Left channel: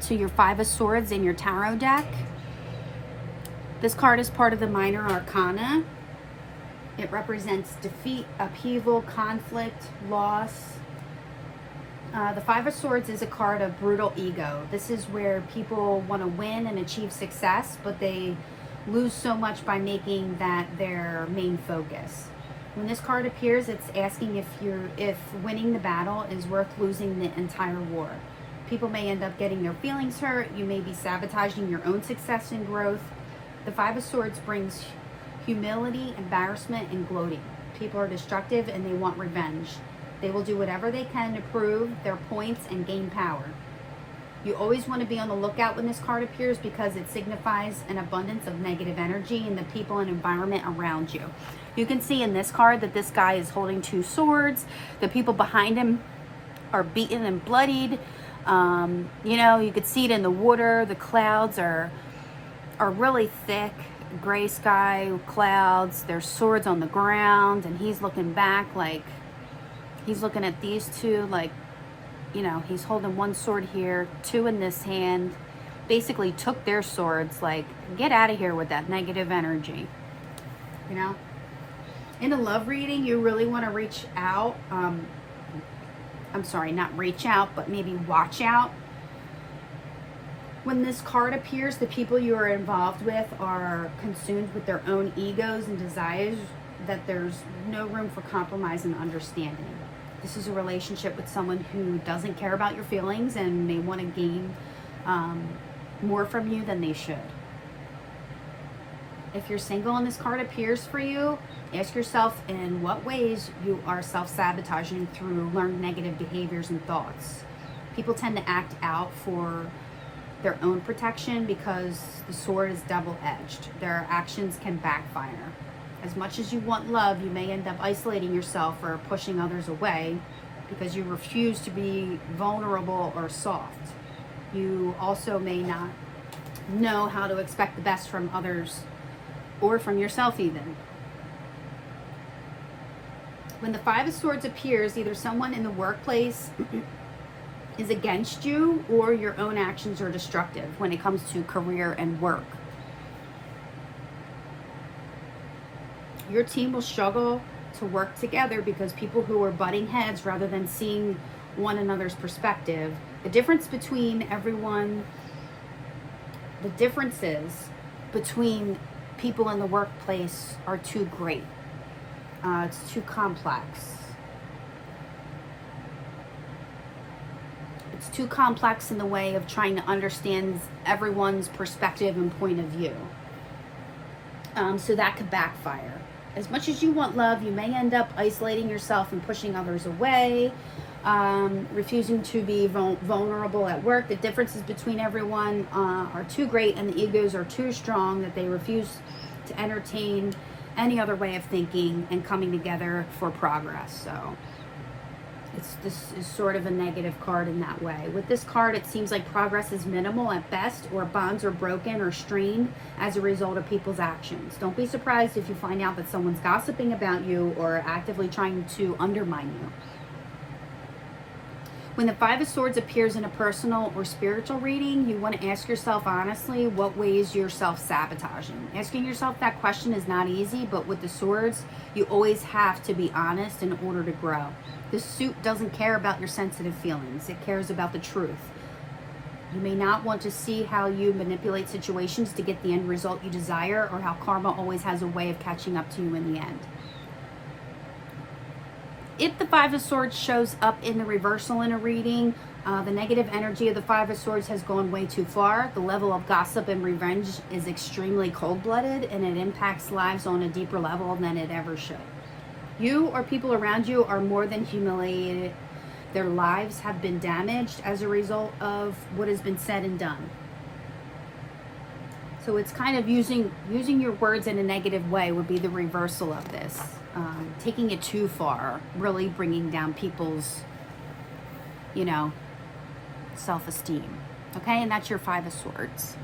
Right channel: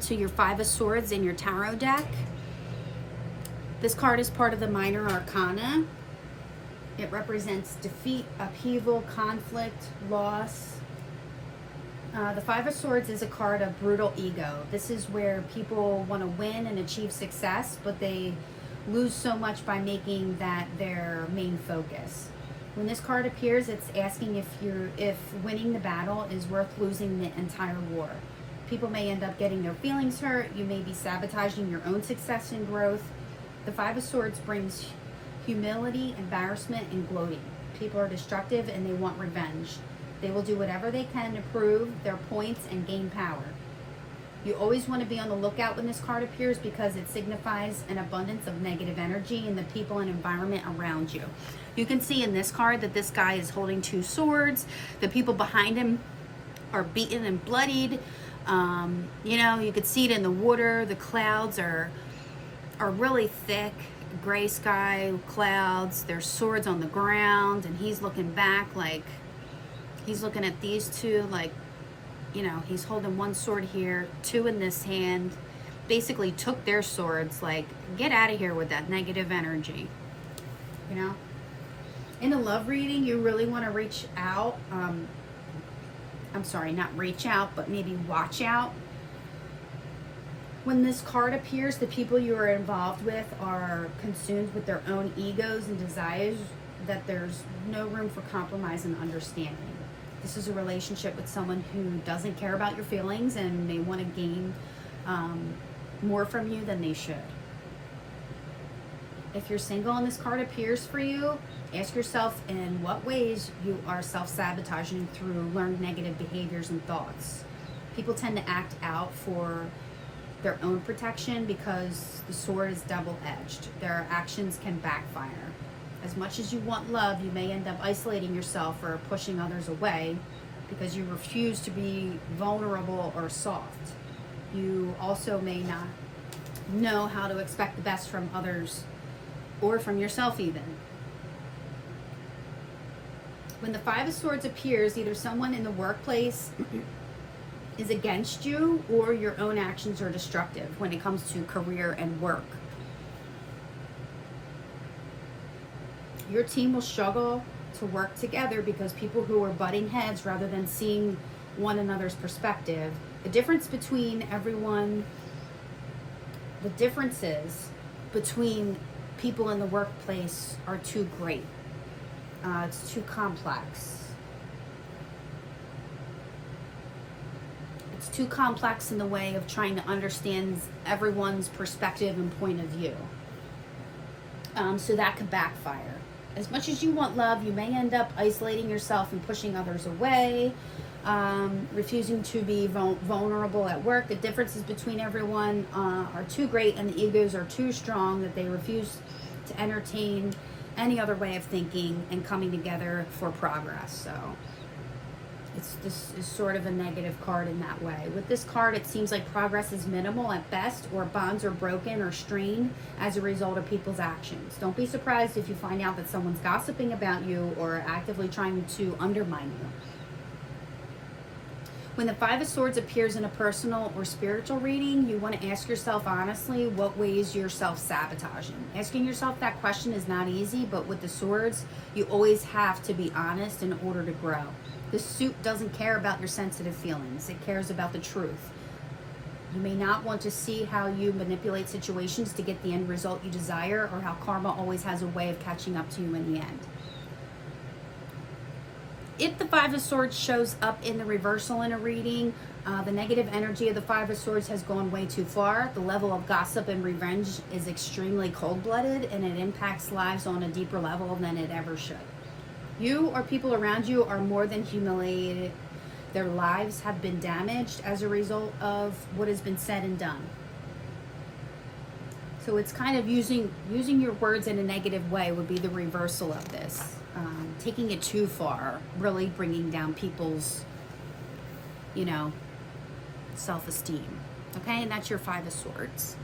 represent to your Five of Swords in your tarot deck. This card is part of the Minor Arcana. It represents defeat, upheaval, conflict, loss. The Five of Swords is a card of brutal ego. This is where people want to win and achieve success, but they lose so much by making that their main focus. When this card appears, it's asking if winning the battle is worth losing the entire war. People may end up getting their feelings hurt. You may be sabotaging your own success and growth. The Five of Swords brings humility, embarrassment, and gloating. People are destructive and they want revenge. They will do whatever they can to prove their points and gain power. You always want to be on the lookout when this card appears because it signifies an abundance of negative energy in the people and environment around you. You can see in this card that this guy is holding two swords. The people behind him are beaten and bloodied. You know, you could see it in the water. The clouds are really thick, gray sky clouds. There's swords on the ground, and he's looking back like he's looking at these two like, you know, he's holding one sword here, two in this hand. Basically took their swords, like, get out of here with that negative energy, you know. In a love reading, you really want to reach out. I'm sorry, not reach out, but maybe watch out. When this card appears, the people you are involved with are consumed with their own egos and desires, that there's no room for compromise and understanding. This is a relationship with someone who doesn't care about your feelings and may want to gain more from you than they should. If you're single and this card appears for you, ask yourself in what ways you are self-sabotaging through learned negative behaviors and thoughts. People tend to act out for their own protection because the sword is double-edged. Their actions can backfire. As much as you want love, you may end up isolating yourself or pushing others away because you refuse to be vulnerable or soft. You also may not know how to expect the best from others or from yourself even. When the Five of Swords appears, either someone in the workplace is against you or your own actions are destructive when it comes to career and work. Your team will struggle to work together because people who are butting heads rather than seeing one another's perspective. The differences between people in the workplace are too great. It's too complex. It's too complex in the way of trying to understand everyone's perspective and point of view. So that could backfire. As much as you want love, you may end up isolating yourself and pushing others away, refusing to be vulnerable at work. The differences between everyone are too great and the egos are too strong that they refuse to entertain any other way of thinking and coming together for progress. So this is sort of a negative card in that way. With this card, it seems like progress is minimal at best, or bonds are broken or strained as a result of people's actions. Don't be surprised if you find out that someone's gossiping about you or actively trying to undermine you. When the Five of Swords appears in a personal or spiritual reading, you want to ask yourself honestly what ways you're self-sabotaging. Asking yourself that question is not easy, but with the swords, you always have to be honest in order to grow. This suit doesn't care about your sensitive feelings. It cares about the truth. You may not want to see how you manipulate situations to get the end result you desire, or how karma always has a way of catching up to you in the end. If the Five of Swords shows up in the reversal in a reading, the negative energy of the Five of Swords has gone way too far. The level of gossip and revenge is extremely cold-blooded, and it impacts lives on a deeper level than it ever should. You or people around you are more than humiliated. Their lives have been damaged as a result of what has been said and done. So it's kind of using your words in a negative way would be the reversal of this. Taking it too far, really bringing down people's, self-esteem. Okay, and that's your Five of Swords.